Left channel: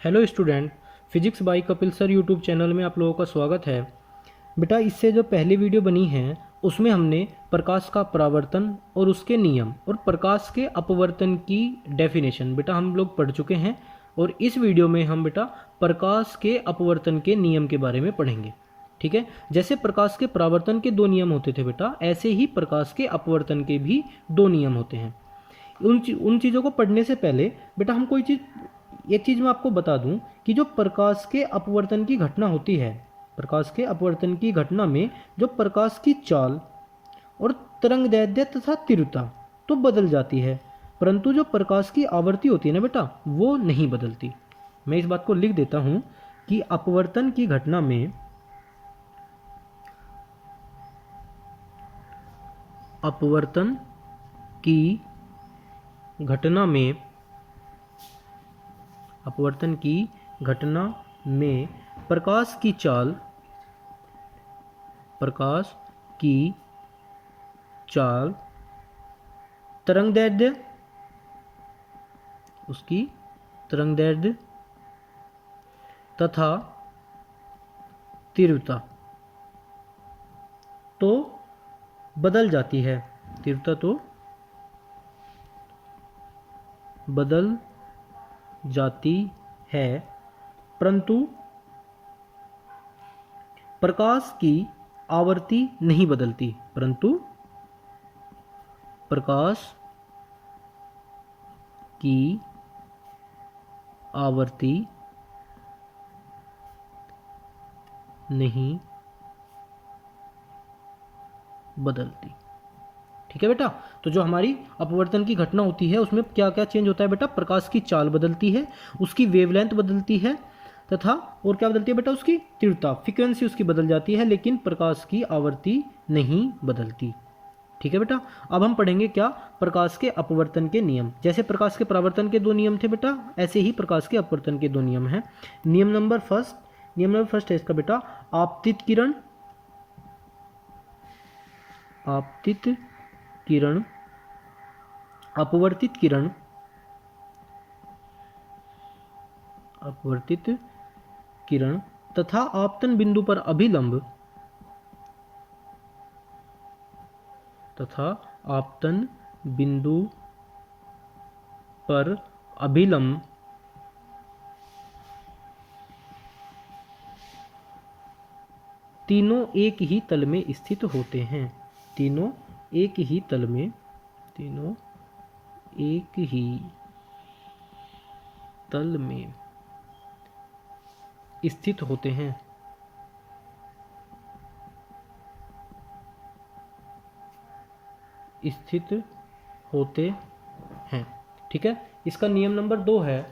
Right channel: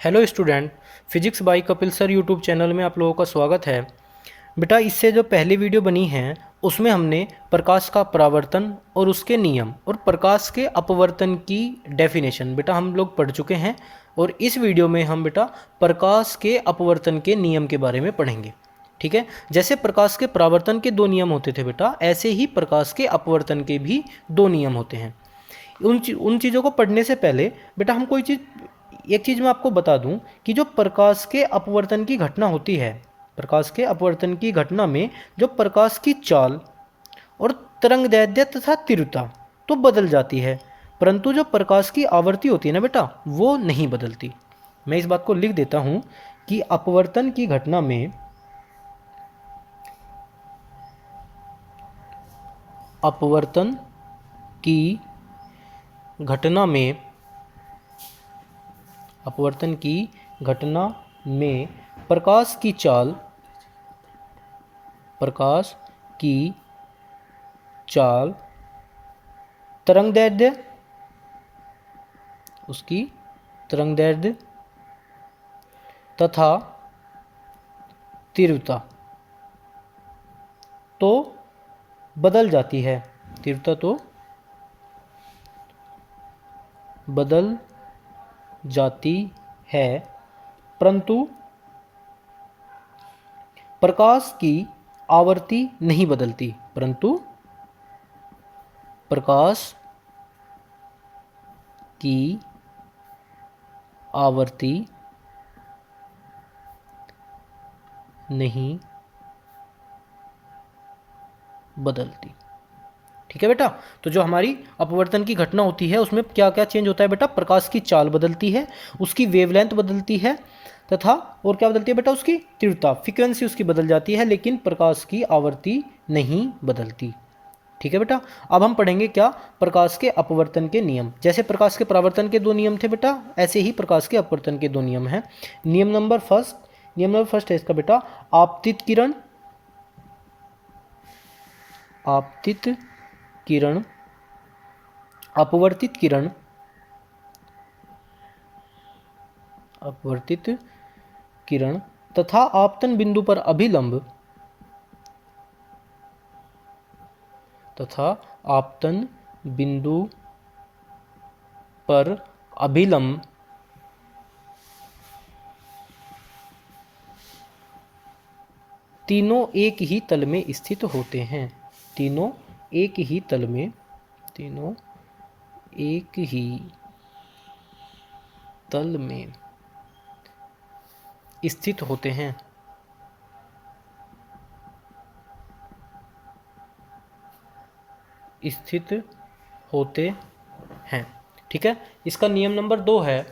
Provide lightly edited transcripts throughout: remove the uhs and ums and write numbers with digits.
Hello student, physics bye Kapil sir YouTube channel में आप लोगों का स्वागत है। बेटा, इससे जो पहली वीडियो बनी है उसमें हमने प्रकाश का परावर्तन और उसके नियम और प्रकाश के अपवर्तन की डेफिनेशन बेटा हम लोग पढ़ चुके हैं। और इस वीडियो में हम बेटा प्रकाश के अपवर्तन के नियम के बारे में पढ़ेंगे। ठीक है, जैसे प्रकाश के परावर्तन के दो नियम होते थे बेटा, ऐसे ही प्रकाश के अपवर्तन के भी दो नियम होते हैं। उन चीज़ों को पढ़ने से पहले बेटा हम कोई चीज़ एक चीज़ मैं आपको बता दूं कि जो प्रकाश के अपवर्तन की घटना होती है, प्रकाश के अपवर्तन की घटना में जो प्रकाश की चाल और तरंगदैर्ध्य तथा तीव्रता तो बदल जाती है, परंतु जो प्रकाश की आवृत्ति होती है ना बेटा, वो नहीं बदलती। मैं इस बात को लिख देता हूं कि अपवर्तन की घटना में अपवर्तन की घटना में अपवर्तन की घटना में प्रकाश की चाल तरंगदैर्ध्य उसकी तरंगदैर्ध्य तथा तीव्रता तो बदल जाती है। तीव्रता तो बदल जाती है, परंतु प्रकाश की आवृत्ति नहीं बदलती। परंतु प्रकाश की आवृत्ति नहीं बदलती। ठीक है बेटा, तो जो हमारी अपवर्तन की घटना होती है उसमें क्या क्या चेंज होता है बेटा? प्रकाश की चाल बदलती है, उसकी वेवलेंथ बदलती है, तथा और क्या बदलती है बेटा? उसकी तीव्रता, फ्रीक्वेंसी उसकी बदल जाती है, लेकिन प्रकाश की आवृत्ति नहीं बदलती। ठीक है बेटा, अब हम पढ़ेंगे क्या? प्रकाश के अपवर्तन के नियम। जैसे प्रकाश के परावर्तन के दो नियम थे बेटा, ऐसे ही प्रकाश के अपवर्तन के दो नियम हैं। नियम नंबर फर्स्ट है इसका बेटा, आपतित किरण अपवर्तित किरण तथा आपतन बिंदु पर अभिलंब तीनों एक ही तल में स्थित होते हैं। तीनों एक ही तल में स्थित होते हैं। ठीक है, इसका नियम नंबर 2 है,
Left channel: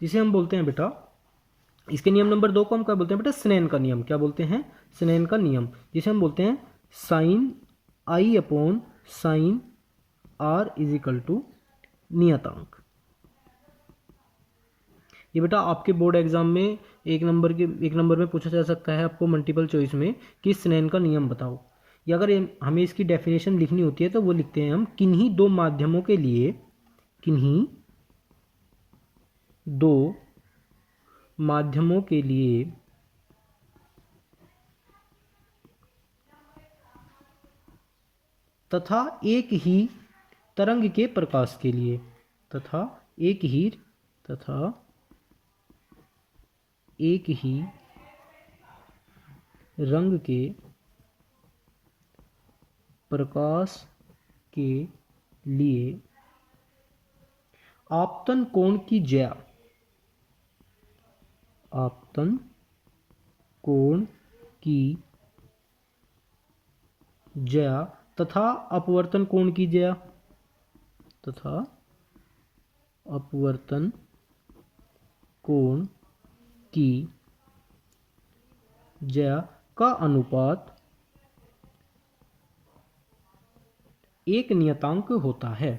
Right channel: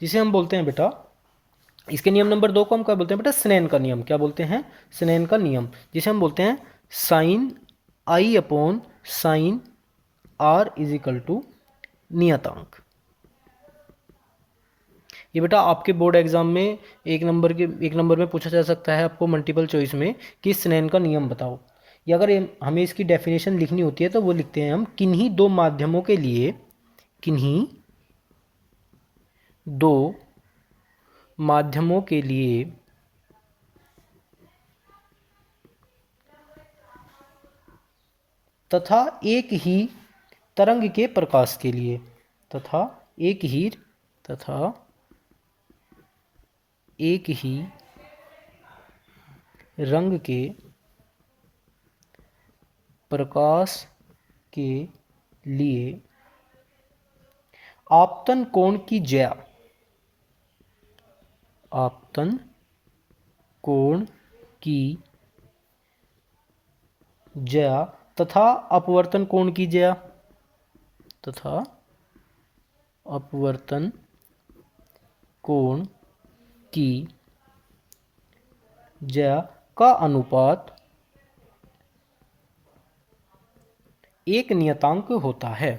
जिसे हम बोलते हैं बेटा, इसके नियम नंबर 2 को हम क्या बोलते हैं बेटा? स्नेन का नियम। क्या बोलते हैं? स्नेन का नियम, जिसे हम बोलते हैं sine I upon sine R is equal to नियतांक। ये बेटा आपके बोर्ड एग्जाम में एक नंबर में पूछा जा सकता है आपको मल्टीपल चॉइस में कि स्नेन का नियम बताओ। या अगर हमें इसकी डेफिनेशन लिखनी होती है तो वो लिखते हैं हम, किन्हीं दो माध्यमों के लिए तथा एक ही तरंग के प्रकाश के लिए तथा एक ही रंग के प्रकाश के लिए आपतन कोण की ज्या तथा अपवर्तन कोण की ज्या का अनुपात एक नियतांक होता है।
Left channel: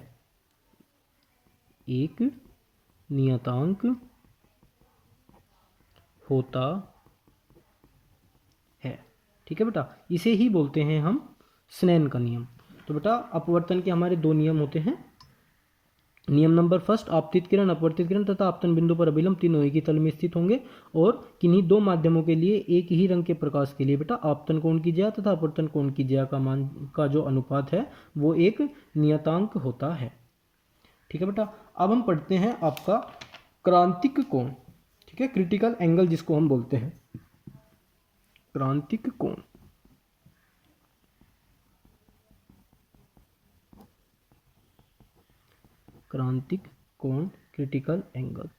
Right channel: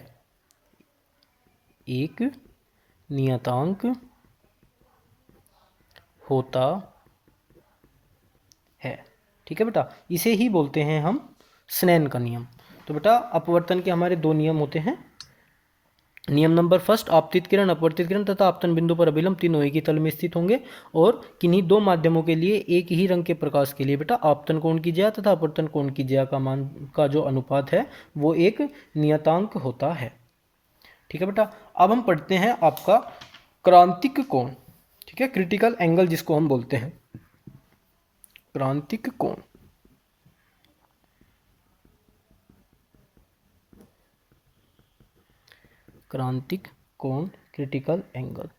ठीक है बेटा, इसे ही बोलते हैं हम स्नेन का नियम। तो बेटा अपवर्तन के हमारे दो नियम होते हैं, नियम नंबर फर्स्ट, आपतित किरण, अपवर्तित किरण तथा आपतन बिंदु पर अभिलंब तीनों एक ही तल में स्थित होंगे और किन्हीं दो माध्यमों के लिए एक ही रंग के प्रकाश के लिए बेटा आपतन कोण की ज्या तथा अपवर्तन कोण की ज्या का मान का जो अनुपात है वो एक नियतांक होता है। ठीक है बेटा, अब हम पढ़ते हैं आपका क्रांतिक कोण। ठीक है, क्रिटिकल एंगल जिसको हम बोलते हैं, क्रांतिक कोण। क्रांतिक कोण, क्रिटिकल एंगल।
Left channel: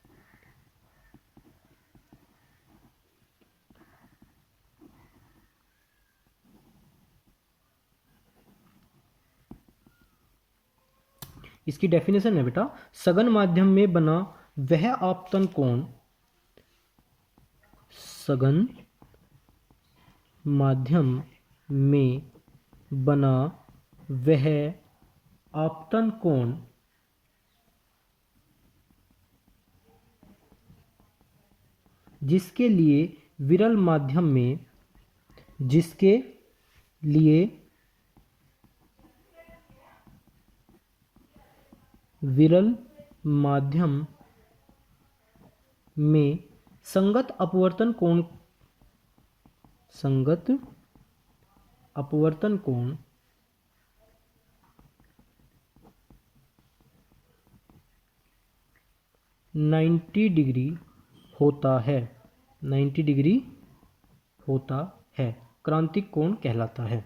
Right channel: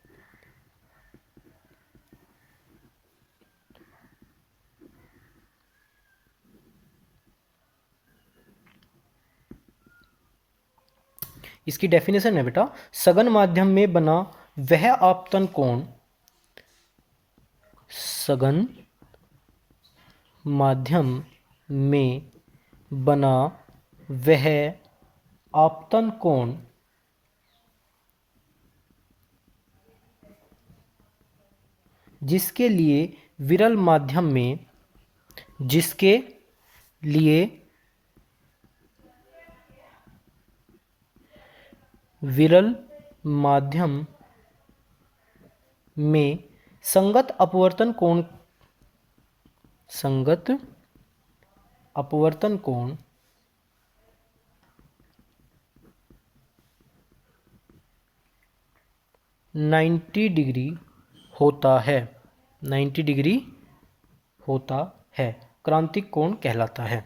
इसकी डेफिनेशन है बेटा, सघन माध्यम में बना वह आपतन कोण, सघन माध्यम में बना वह आपतन कोण जिसके लिए विरल माध्यम में, जिसके लिए विरल माध्यम में संगत अपवर्तन कोण, संगत अपवर्तन कोण 90 डिग्री होता है, 90 डिग्री होता है, क्रांतिक कोण कहलाता है।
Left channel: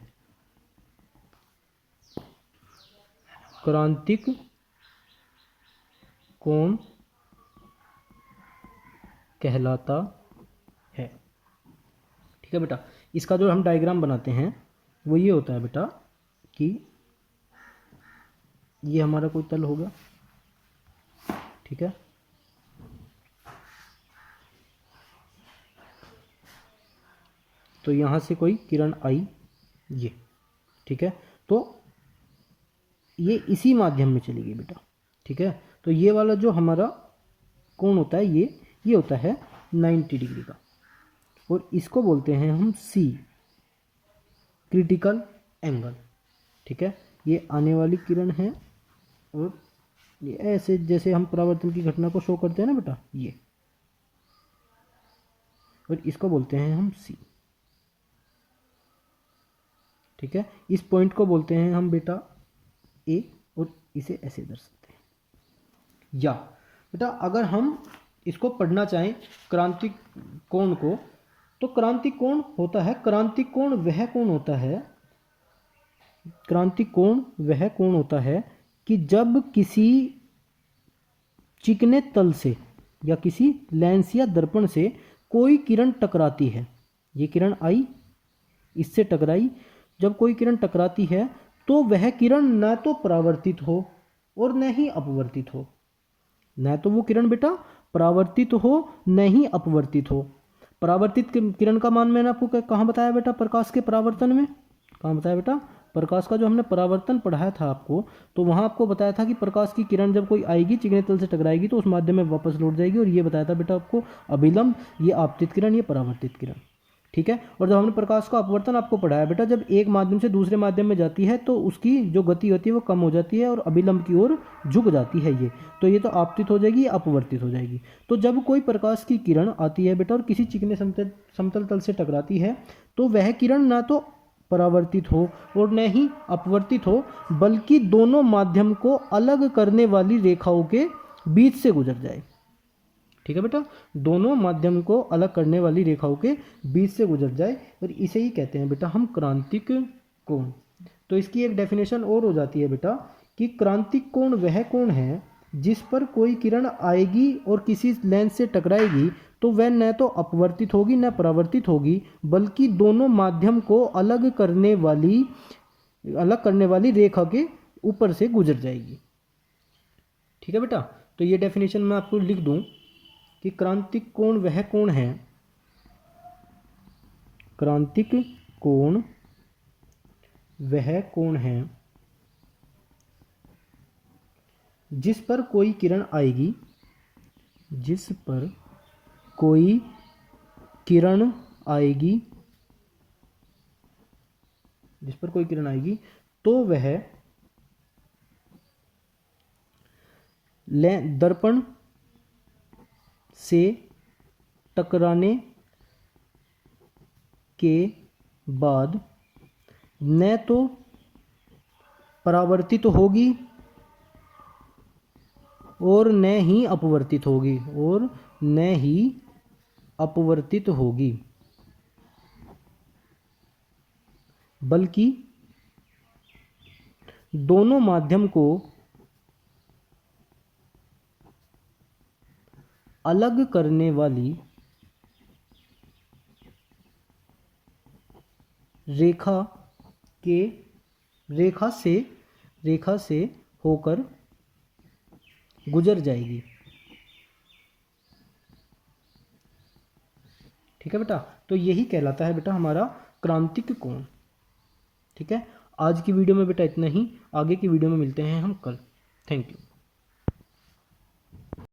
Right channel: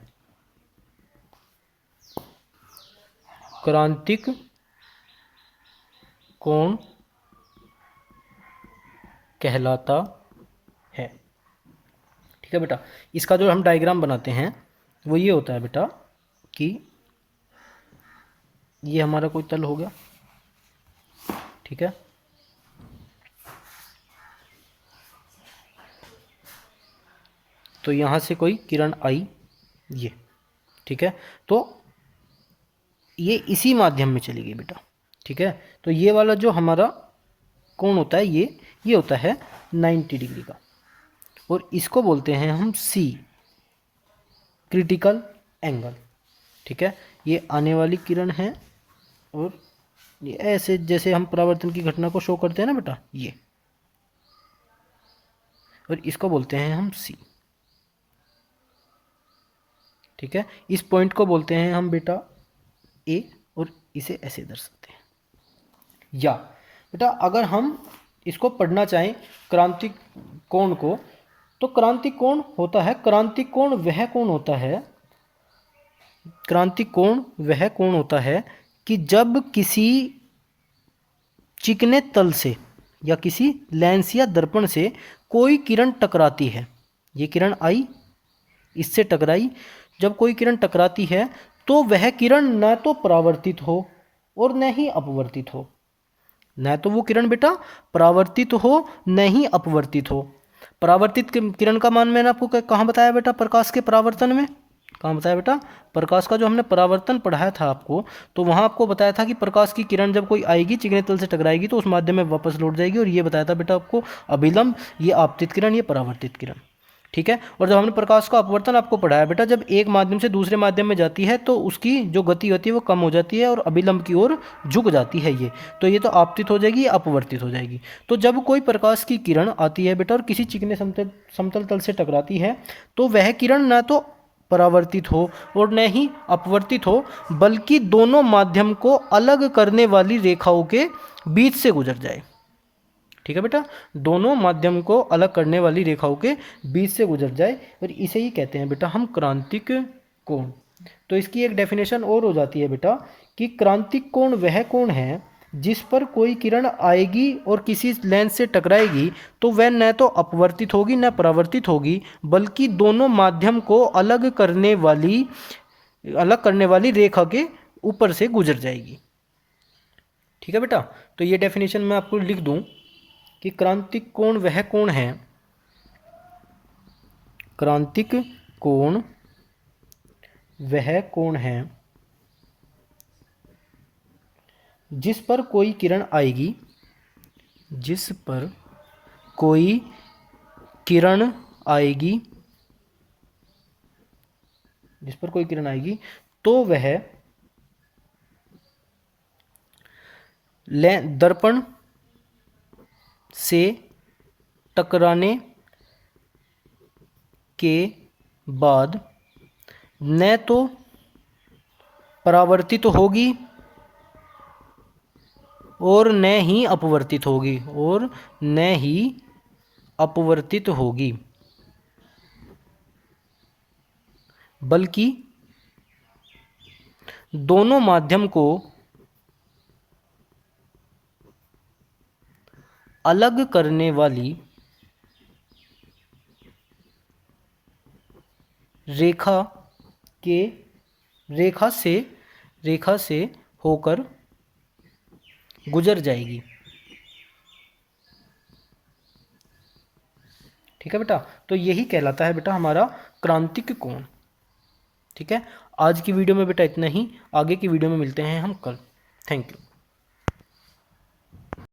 क्रांतिक कोण कहलाता है। ठीक है बेटा, इसका जो हम डायग्राम बनाते हैं वो ये होता है बेटा कि ये हमारा कोई तल हो गया। ठीक है, तो यहाँ से कोई किरण आई, ये। ठीक है, तो ये इसी माध्यम में चली गई बेटा। ठीक है, तो ये वाला जो हमारा कोण होता है ये होता है 90 डिग्री का, और इसको बोलते हैं हम सी, क्रिटिकल एंगल। ठीक है, ये आने वाली किरण है और ये ऐसे जैसे हम परावर्तन की घटना को शो करते हैं ना बेटा, ये, और इसको बोलते हैं हम सी। ठीक है, इस पॉइंट को बोलते हैं हम बेटा ए, और इसे ऐसे दर्शाते हैं। या बेटा अगर हम इसको पढ़ना चाहें क्रांतिक कोण को, तो क्रांतिक कोण होता है, क्रांतिक कोण वह कोण होता है, क्रांतिक कोण वह कोण होता है कि जब किसी चिकने तल से या किसी लेंस या दर्पण से कोई किरण टकराती है, ये किरण आई, इससे टकराई, जब कोई किरण टकराती है तो वह किरण न तो परावर्तित हो और न ही अपवर्तित हो, न तो वो किरण बेटा परावर्तित हो न ही अपवर्तित हो। परावर्तित किरण का मान मैंने आपको कहाँ बताया बेटा, प्रकाश के परावर्तन में। कहाँ बताया बेटा, प्रकाश का जो हमने परावर्तन पढ़ाया था आपको, तो वहाँ आपको बताया था कि प्रकाश की किरण जब कोई आएगी चिकने तल से टकराएगी तो उस माध्यम में वापस लौट जाएगी, और ये बताया था बेटा आपको अभिलंब, ये आपतित किरण, ये परावर्तित किरण। ठीक है, और जब हमने प्रकाश का अपवर्तन आपको पढ़ाया बेटा, जब एक माध्यम से दूसरे माध्यम में जाती है तो उसकी जो गति होती है वो कम हो जाती है और अभिलंब की ओर झुक जाती है ये, तो ये तो आपतित हो जाएगी, अपवर्तित हो जाएगी। तो जब कोई प्रकाश की किरण आती है बेटा और किसी चिकने समतल तल से टकराती है तो वह किरण न तो परावर्तित हो और न ही अपवर्तित हो, बल्कि दोनों माध्यम को अलग करने वाली रेखाओं के बीच से गुजर जाए। ठीक है बेटा, दोनों माध्यम को अलग करने वाली रेखाओं के बीच से गुजर जाए, और इसे ही कहते हैं बेटा हम क्रांतिक कोण। तो इसकी एक डेफिनेशन और हो जाती है बेटा कि क्रांतिक कोण वह कोण है जिस पर कोई किरण आएगी और किसी लेंस से टकराएगी तो वह न तो अपवर्तित होगी न परावर्तित होगी, बल्कि दोनों माध्यम को अलग करने वाली रेखा के ऊपर से गुजर जाएगी। ठीक है बेटा, तो ये डेफिनेशन मैं आपको लिख दूं कि क्रांतिक कोण वह कोण है, क्रांतिक कोण वह कोण है जिस पर कोई किरण आएगी, जिस पर कोई किरण आएगी, जिस पर कोई किरण आएगी तो वह दर्पण से टकराने के बाद न तो परावर्तित होगी और न ही अपवर्तित होगी, बल्कि दोनों माध्यम को अलग करने वाली रेखा से होकर गुजर जाएगी। ठीक है बेटा, तो यही कहलाता है बेटा हमारा क्रांतिक कोण। ठीक है, आज की वीडियो में बेटा इतना ही, आगे की वीडियो में मिलते हैं हम कल। Thank you.